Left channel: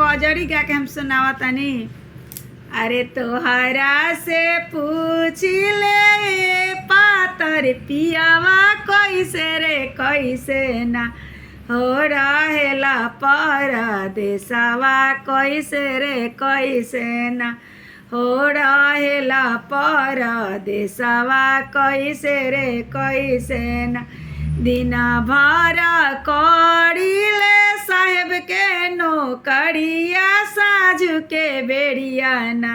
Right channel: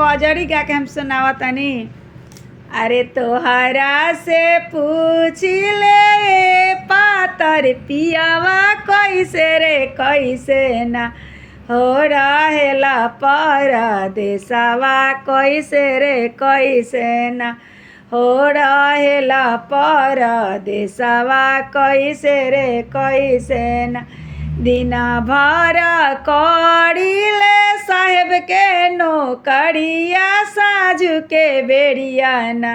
कजरी गा के हम सुनावा तनी। अरे तोहरा से पूछ ले पातर पियावा कैसे रे कैसे ना हो रहेला परदेसवा कैसे रे कैसे ना हो रहेला परदेसवा कैसे रे कैसे ना दिन भर करीले साहेब के नौकरिया साझु के बेड़िया ना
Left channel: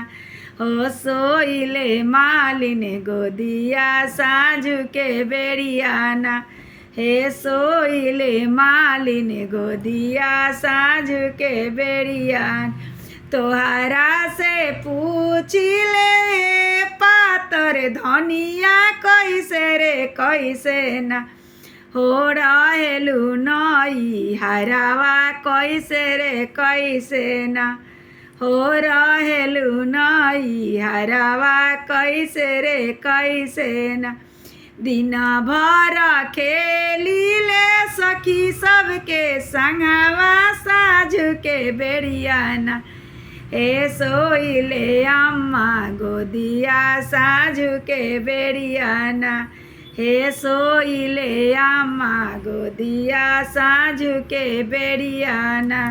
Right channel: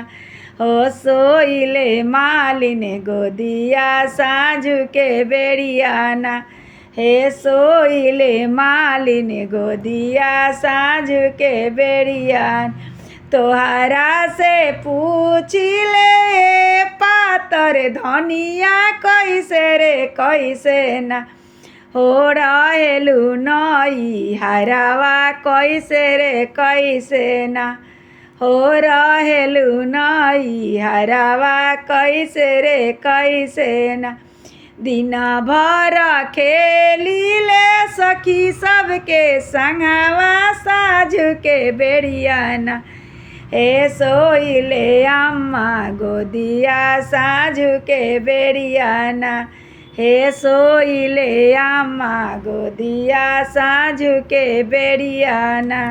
हो सोइले मालिन गोदिया साझु के बेड़िया ना हे सोइले मालिन गोदिया साझु के बेड़िया तोहरा से पूछिले पातर धनिया कैसे रे कैसे ना हो रहेलु नई हरावा कैसे रे कैसे ना हो रहेलु नई हरावा कैसे रे कैसे ना दिन भर खेलिले सखी सबके संगवा साझु के बेड़िया ना हे सोइले अम्मा गोदिया साझु के बेड़िया ना हे सोइले अम्मा गोदिया साझु के बेड़िया ना।